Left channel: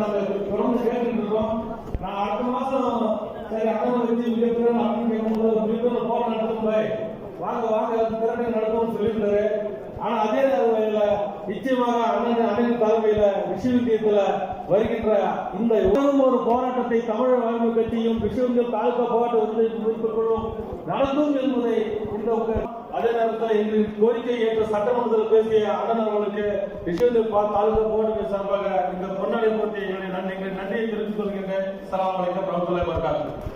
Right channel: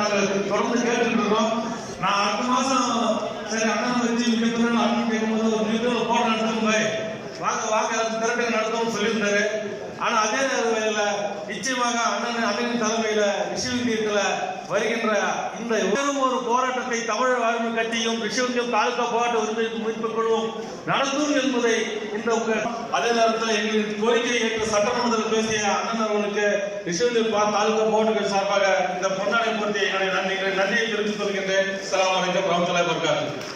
நாங்கள் தொடர்ந்து கேட்டுட்டு இருக்கோம். நான் அடுத்த மாசம் சரி அண்ணன் வச்சு மிகப்பெரிய அண்ணன் கேட்கும்போது ஒரு போட்டோ நடத்தும் பாய் வாங்க திரட்டை நடத்தும் சொல்லியிருந்தாரு. ஆனா அதே நேரத்தில் நிச்சயமாக அண்ணனின் தலைமையில விஸ்வவித்தியத்துல வருகின்ற இந்த ஒரு போராட்டத்தை தமிழ் வாழ்வு கட்சியும் விஸ்வவித்தியம் தாலுகா போராட்ட உரிமை மீட்புகளும் நடத்தும் என்பதை இந்த அதே நேரத்தில் எங்களின் கோரிக்கையை ஏற்று சட்டமன்றத்தில் பேசிய அண்ணன் அவர்களுக்கு விஸ்வவித்தியம் தாலுகா போராட்ட சார்பாக இந்த பொன்னாடை போட்டி என்னுடைய நன்றியை தெரிவித்துக் கொள்கின்றேன். அஸ்ஸலாமு அலைக்கும் வரஹ்மத்துல்லாஹி வபரகாத்துஹு.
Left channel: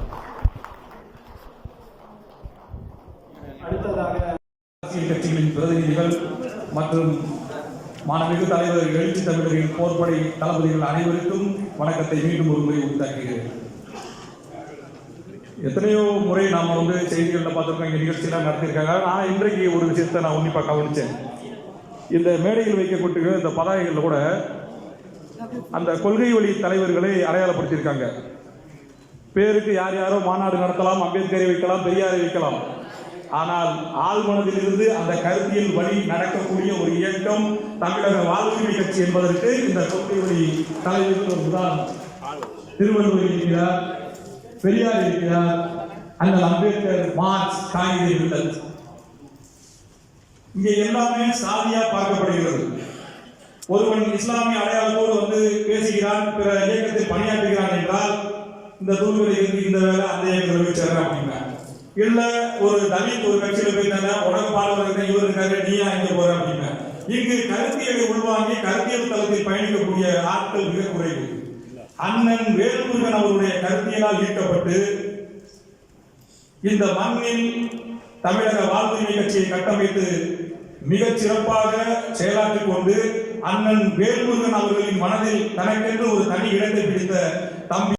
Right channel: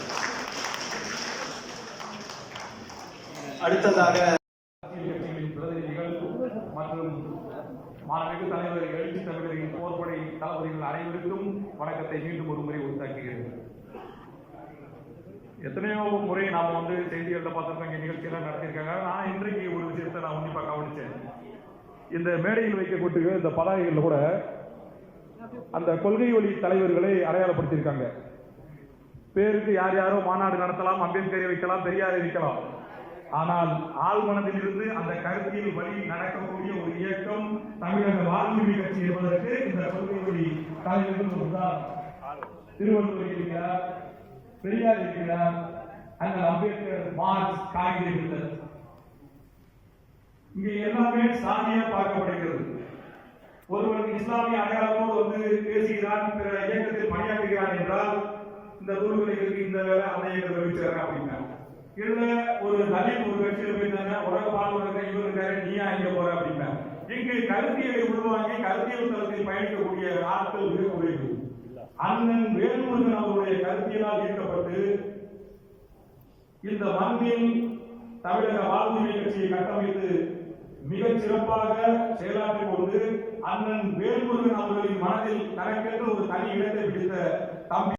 அடுத்ததாக அரசியல் கட்சிகளின் பிரதிநிதிகள் மற்றும் மாண்புமிகு தலைவர் எழுச்சி தமிழரின் போர்படை தளபதிகள் அனைவருக்கும் வணக்கத்தை மீண்டும் ஒரு முறை உண்டாக்குகிறேன். எத்தனையோ முறை நாம் செய்திகளில் பார்த்துருக்கோம், இங்கே நிகழ்ச்சியெல்லாம் நடத்தியிருக்காங்க. ஆனால் இன்றைக்கு ஒரு விஷயத்தை நான் உன்னிப்பாக கவனித்தேன். இந்த மேடையில் வைக்கப்பட்டு இந்த பதாகைகளில் கூட அந்த கொள்கை வழி தலைவர்களை அடையாளப்படுத்தியிருக்காங்க. பேருக்கு யார் யாரோ மாநாடு நடத்தலாம், அம்பேத்கரை வைக்கலாம், பெரியாரை வைக்கலாம். ஆனால் ஆழ்மனதில் இருந்து அந்த கருத்தியல் வழி நடக்கக்கூடிய ஒரு இயக்கம் தமிழக வாழ்வுரிமை கட்சி என்பதற்கு இந்த கொள்கை வழி தலைவர்கள் ஒரு உதாரணம். திருவள்ளுவர் இருக்கிறார், பெரியார் இருக்கிறார், அந்த அம்பேத்கர், மார்க்ஸ், காகிதம். இங்கே எல்லாமே சாதியா பார்க்கப்படுகிறது. ஒருவன் இஸ்லாமிய அடையாளத்தோடு பேசுகிறான், பிற இயக்கத்தில் பணியாற்றுகிறான் என்றால் இந்த தூள்களுக்கு இந்த வேலை அந்த இயக்கத்தில் போய் சேர்றான் அப்படின்னா, இல்ல ஒரு தலித் ஒரு கட்சியில போயிட்டாங்க, உடற்பாளர் இவர் இருக்காரு, நீயா இங்க போற அப்படின்னா, இங்கு கருத்தியலை உள்வாங்கி கருத்தியல் தளத்தில் பயணிக்கக்கூடிய ஆட்கள் மிக குறைவு. அண்ணன் வேலுமுருகன் அவருடைய கருத்தியலால் ஈர்க்கப்பட்டு இந்த மண்ணில் தமிழக வாழ்வுரிமை கட்சியை கட்டமைத்து மிகச் சிறப்பாக செயலாற்றிக் கொண்டு அண்ணன் வேலுமுருகன் அவர்களின் மனதில் தனக்கென்று ஒரு தனி இடத்தை பிடித்த தம்பி